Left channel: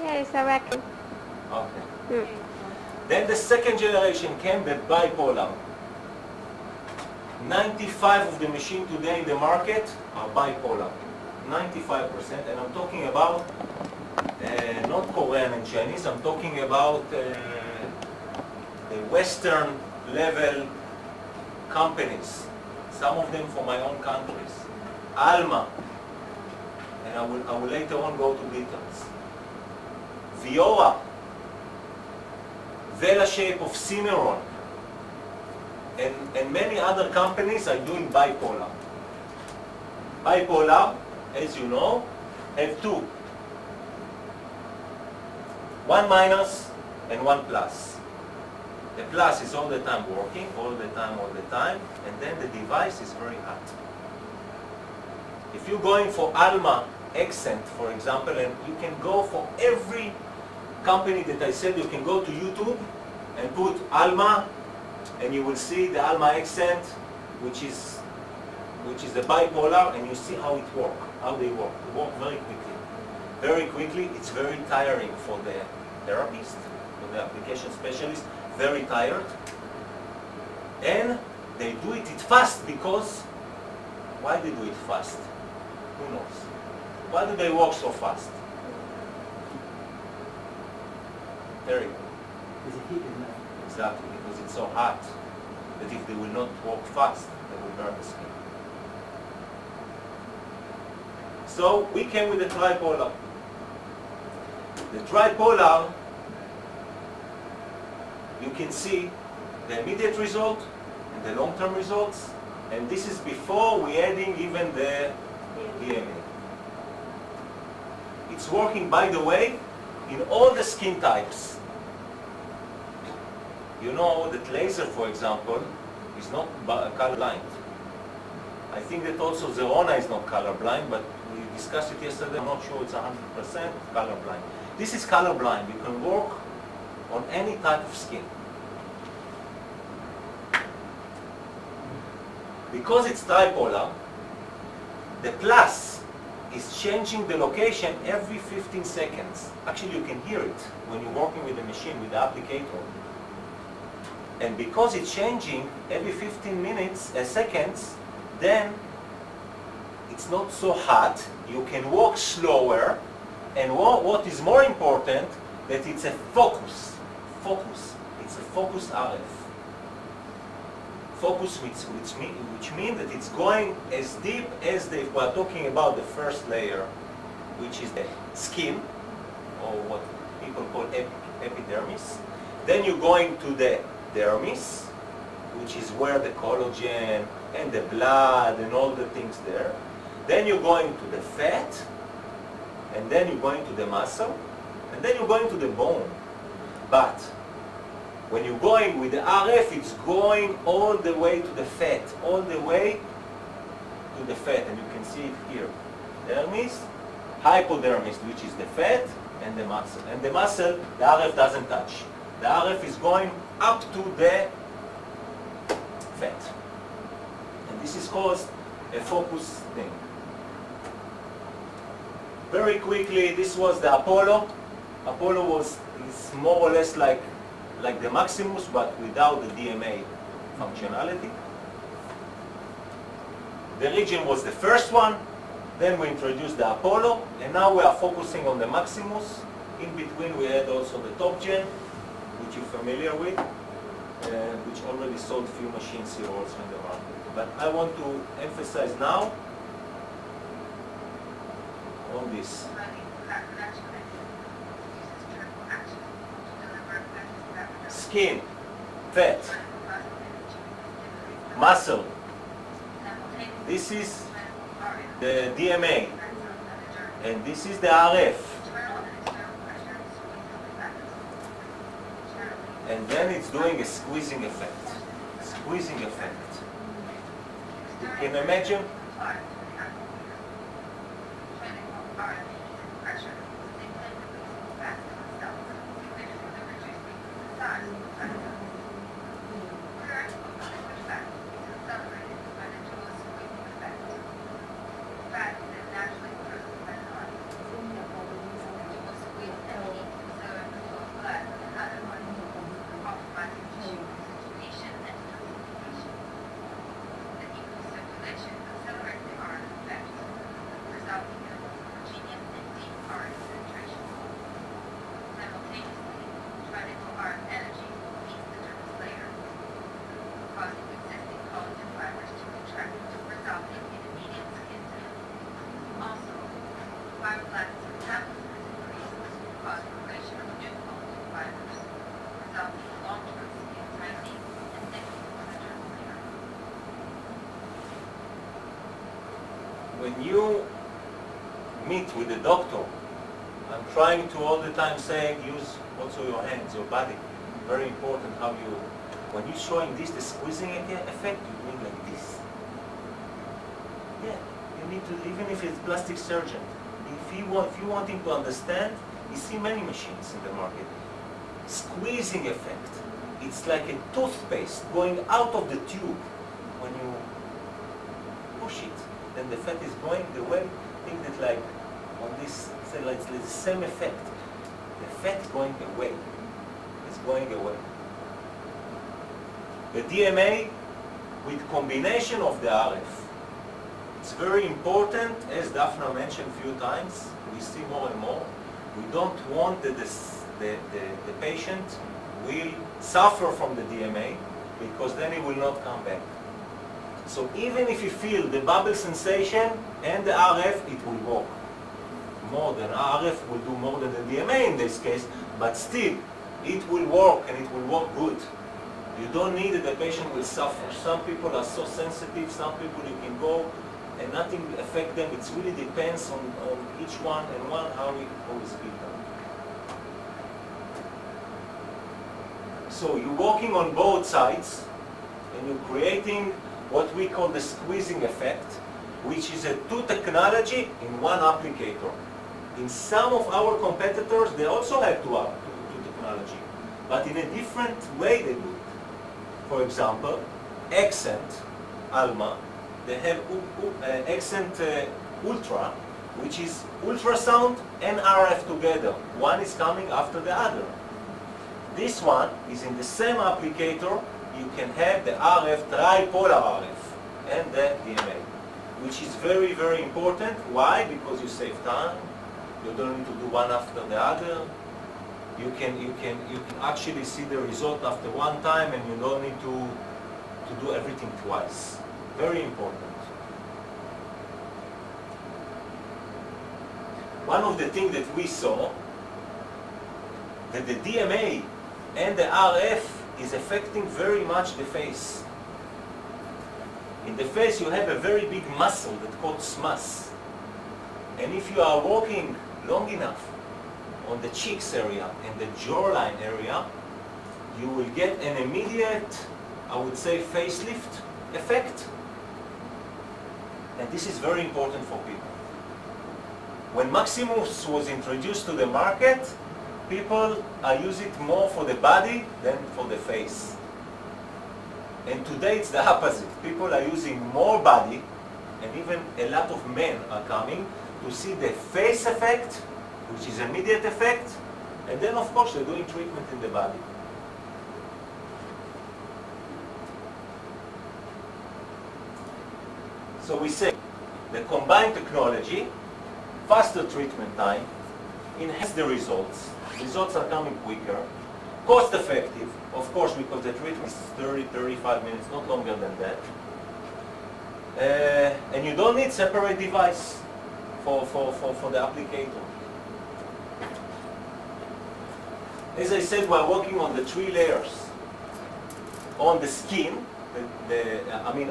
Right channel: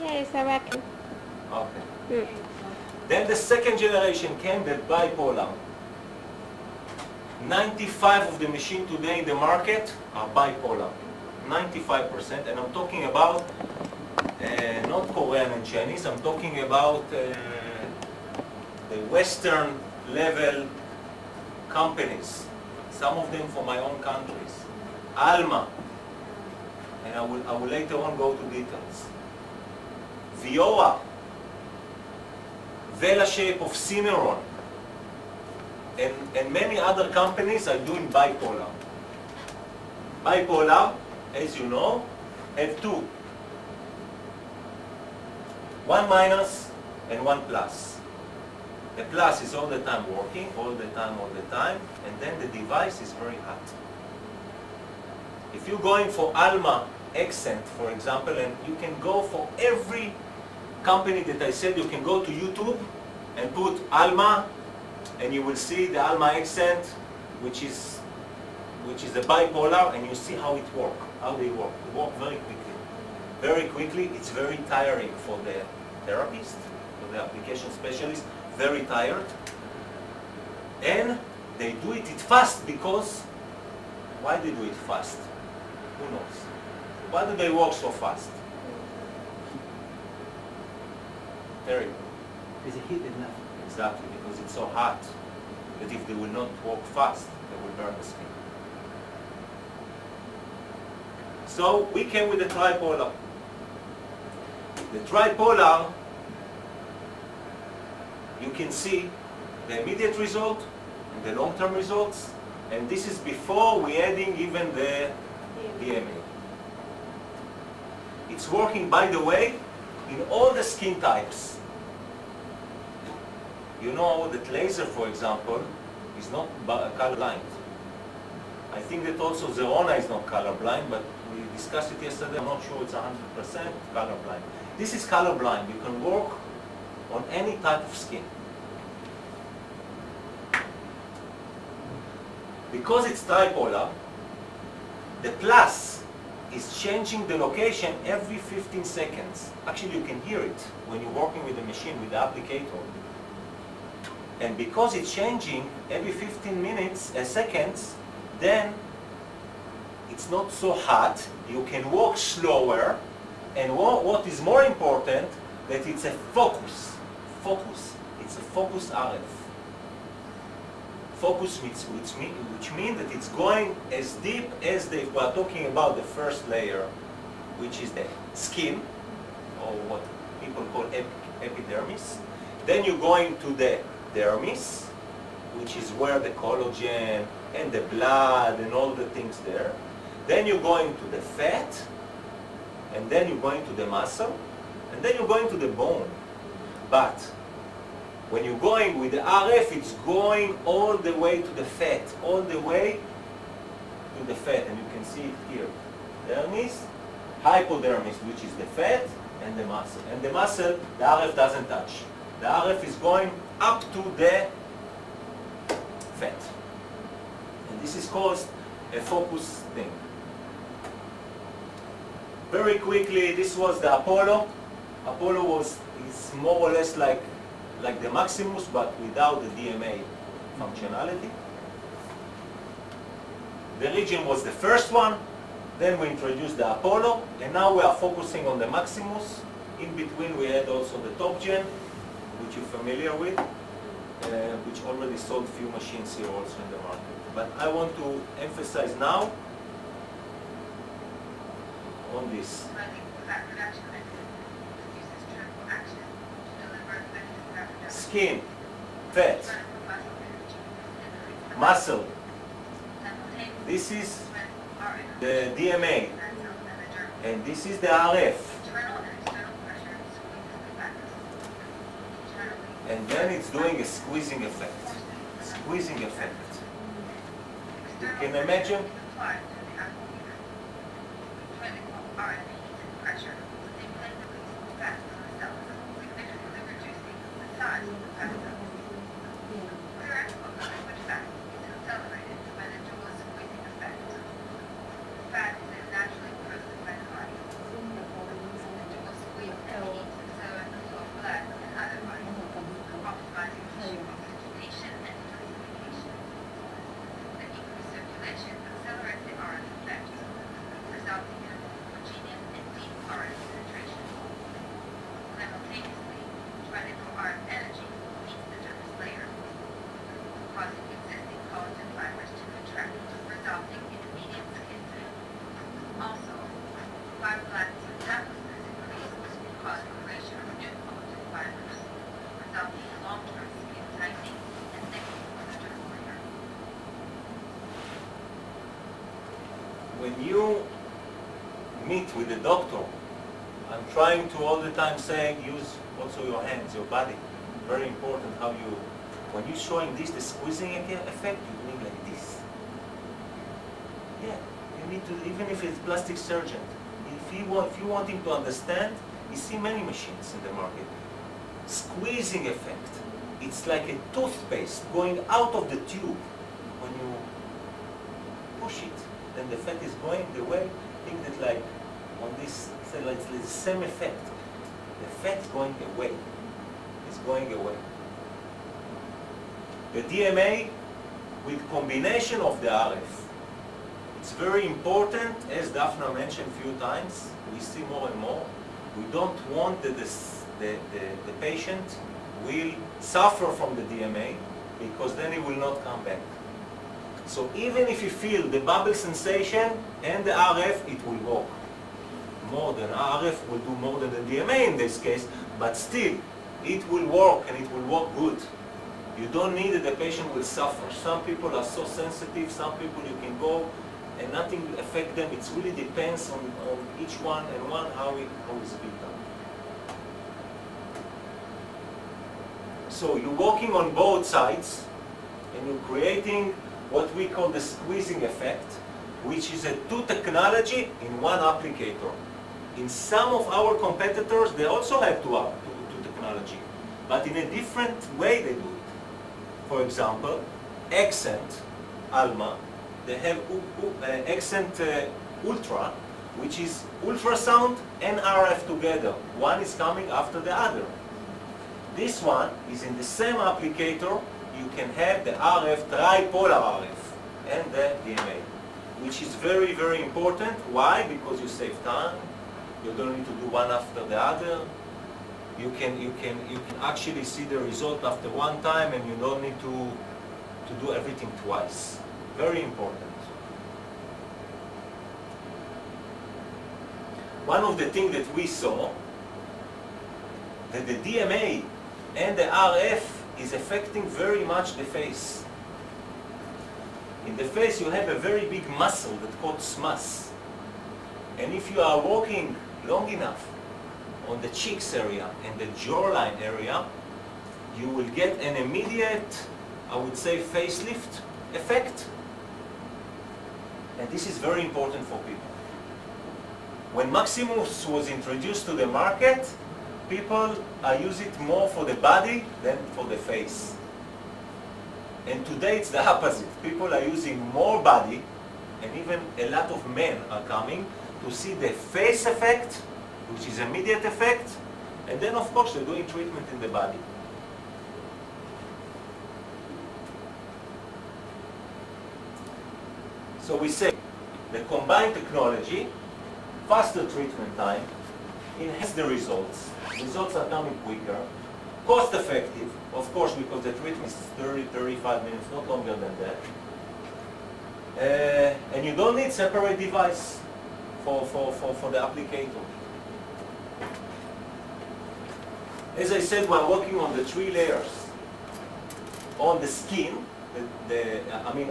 Yes, I reckon. Okay. Mm. Then the second generation came, the bipolar. 95 of the machines today in the market are bipolar. 95%, and I'm talking about not Korean and Chinese, I'm talking about the Western level companies, some of them from my own countries. Alma, and I will later on go to details. Vioa, Velashape of Cimarron, and many other companies are doing bipolar. Bipolar, as you know, have two. One minus and one plus. The plus is all the time working, all the time, and then the device is very hot. If you're going for Alma accent, for example, and you can go for every company that I said, you can go to YouTube and put Alma, and you will see the Alma accent, which is a bipolar, and you see how it works, how they work. They work very quickly. Very quickly, it's very tiring for the therapist, for the application specialist, very tired. And they do it fast because, why they do it fast? Who knows? Why do they work so fast? Very. Is it heat enough? Exactly, because it's so hot that if they will not work fast, they will burn the skin. So we came with the tripolar. The tripolar, you can see the immediate result and the long-term results, and this is before we adding even the DMA. It's working, by the way, in all the skin types. You know that laser, for example, is not colorblind. I think that also Zerona is not colorblind, but we discussed it yesterday. I'm not sure it's 100% colorblind. This is colorblind. You can work on any type of skin. Because it's tripolar, the plus is changing the location every 15 seconds. Actually, you can hear it when you're working with the machine, with the applicator. And because it's changing every 15 seconds, then it's not so hot. You can walk slower. And what is more important, that it's a focus. Focus. It's a focus RF. Focus which means that it's going as deep as if we're talking about the first layer, which is the skin, or what people call epidermis. Then you're going to the dermis, which is where the collagen and the blood and all the things there. Then you're going to the fat, and then you're going to the muscle, and then you're going to the bone. But when you're going with the RF, it's going all the way to the fat, all the way to the fat, and you can see it here. Dermis, hypodermis, which is the fat, and the muscle. And the muscle, the RF doesn't touch. The RF is going up to the fat. And this is called a focus thing. Very quickly, this was the Apollo. Apollo is more or less like the Maximus, but without the DMA functionality. The Region was the first one. Then we introduced the Apollo, and now we are focusing on the Maximus. In between, we had also the Top Gen, which you're familiar with, which already sold a few machines here also in the market. But I want to emphasize now on this. Skin, fat, muscle. This is the DMA, and this is the RF. And then it's doing a squeezing effect. Squeezing effect. You can imagine? trying to all the time saying use also your hands, your body. Very important how you, when you're showing this, the squeezing effect, you're doing like this. Yeah, you need to, even if it's plastic surgeon, if you want him to understand, you see many machines in the market. Squeezing effect. It's like a toothpaste going out of the tube. When you push it, then the fat is going the way. Think that like on this, say like it's the same effect. The fat is going away. It's going away. The DMA with combination of the RF. It's very important, as Daphna mentioned a few times. We see more and more. We don't want that the patient will suffer from the DMA, because then he will not come back. So even if you feel the bubble sensation and the RF, it will work. More than RF will do more than the DMA in this case, but still, it will work and it will work good. You don't need that the patient will suffer. Some people are so sensitive, some people you can go and nothing will affect them. It really depends on each one and one how it's been done. So you're working on both sides and you're creating what we call the squeezing effect, which is a two technology in one applicator. In some of our competitors, they also have two technology, but in a different way they do it. For example, Accent, Alma, they have Accent Ultra, which is ultrasound and RF together. One is coming after the other. This one is in the same applicator. You can have the RF, tripolar RF, and the DMA, which is very, very important. Why? Because you save time. You don't need to do one after the other. You can actually see the result after one time, and you don't need to do everything twice. Very important. One of the things that we saw, that the DMA and the RF is affecting very much the face. In the face you have a very big muscle that's called SMUS. And if you are walking long enough on the cheeks area and the jawline area, you will get an immediate, I would say, facelift effect. And this is very important for people. When Maximus was introduced to the market, people are using it more for the body than for the face. And today it's the opposite. People are using more body, and even a lot of men are coming to see the face effect, which is immediate effect, and then of course they're doing treatment in the body. So we say the combined technology, faster treatment time, enhance the results. Results are coming quicker, cost effective, of course, because the treatment is 30-35 minutes, not longer than that. And you don't need separate device for the applicator. As I said, we're working on the 3 layers. On the skin,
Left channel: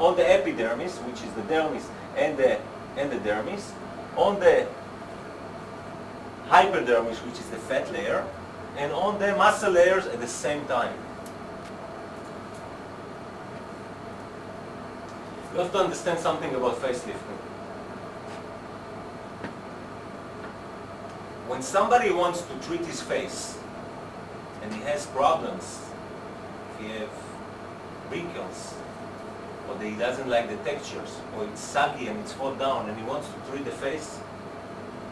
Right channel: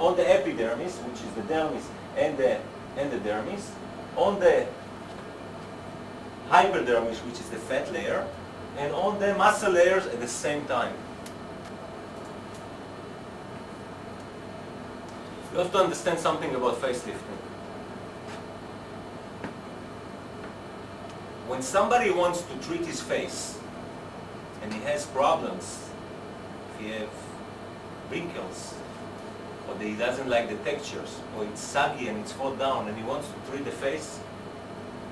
on the epidermis, which is the dermis and the dermis. On the hypodermis, which is the fat layer, and on the muscle layers at the same time. You have to understand something about facelifting. When somebody wants to treat his face, and he has problems, if he has wrinkles, or that he doesn't like the textures, or it's saggy and it's fall down, and he wants to treat the face,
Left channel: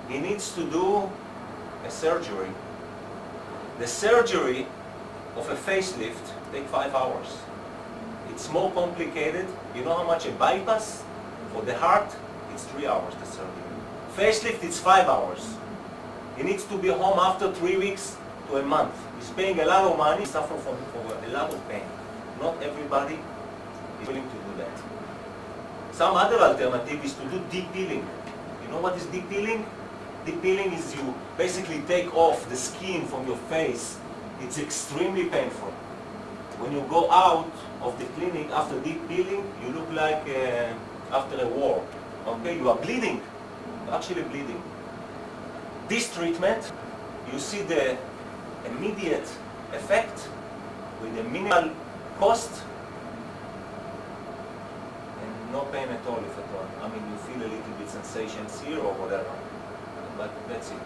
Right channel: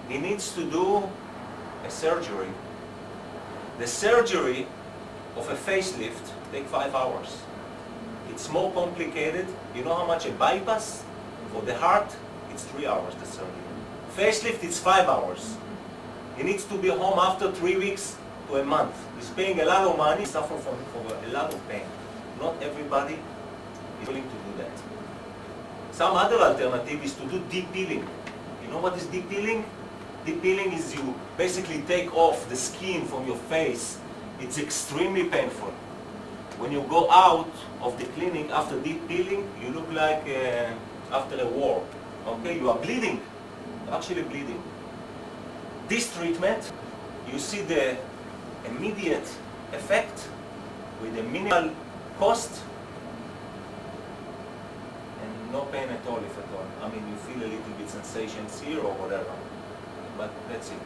he needs to do a surgery. The surgery of a facelift takes 5 hours. It's more complicated. You know how much a bypass for the heart? It's 3 hours, the surgery. Facelift, it's 5 hours. He needs to be home after 3 weeks to a month. He's paying a lot of money, suffering from a lot of pain. Not everybody is willing to do that. Some other alternative is to do deep peeling. You know what is deep peeling? Deep peeling is you basically take off the skin from your face. It's extremely painful. When you go out of the clinic after deep peeling, you look like after a war. Okay, you are bleeding, actually bleeding. This treatment you see the immediate effect with a minimal cost and no pain at all, if at all. I mean, you feel a little bit sensations here or whatever, but that's it.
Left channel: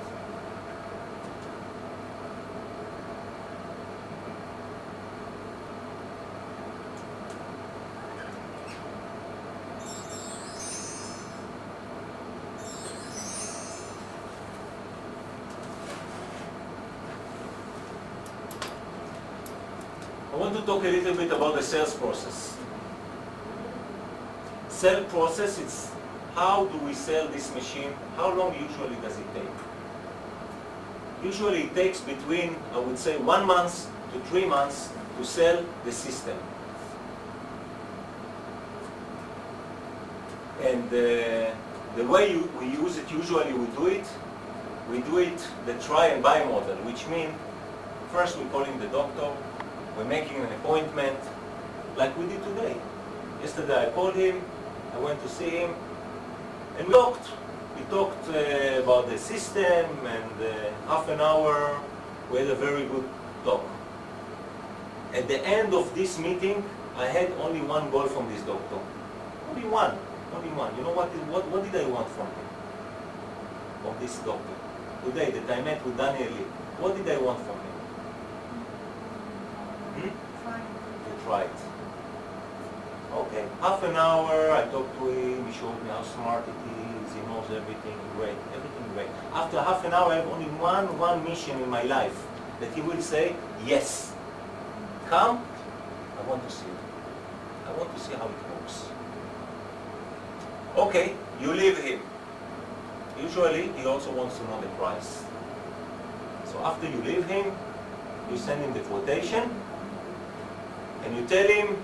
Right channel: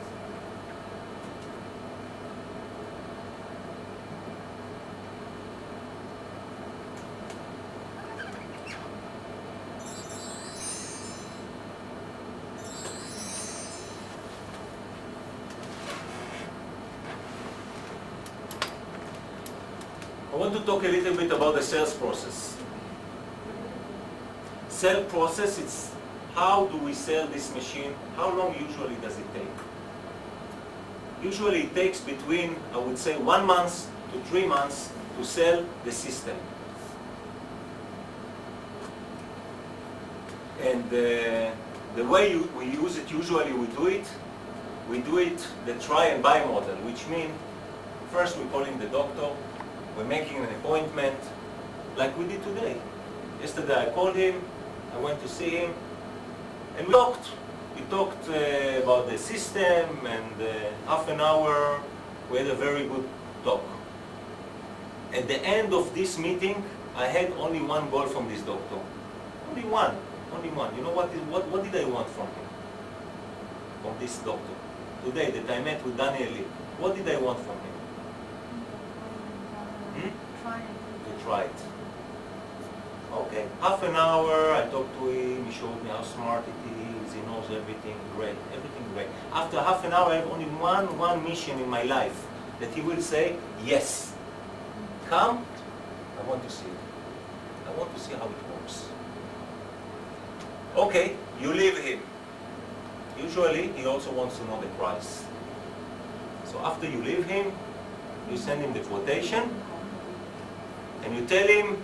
I want to talk a little bit about the sales process. Sale process, it's how do we sell this machine? How long usually does it take? Usually it takes between, I would say, 1 month to 3 months to sell the system. And the way we use it, usually we do it the try and buy model, which means first we're calling the doctor, we're making an appointment, like we did today. Yesterday I called him, I went to see him, and we talked. We talked about the system, and half an hour, we had a very good talk. At the end of this meeting, I had only one goal from this doctor. Only one. You know what did I want from him? From this doctor? Today that I met with Daniel Lee. What did I want from him? To try it. Okay. Half an hour, I talked to him, he showed me how smart it is, he knows everything, everything great. After half an hour, I have only one mission in my life, that he will say, yes, come, I want to see it. I want to see how it works. Okay, you leave him. Usually, he also wants to know the price. So after you leave him, you send him the quotation, and you tell him,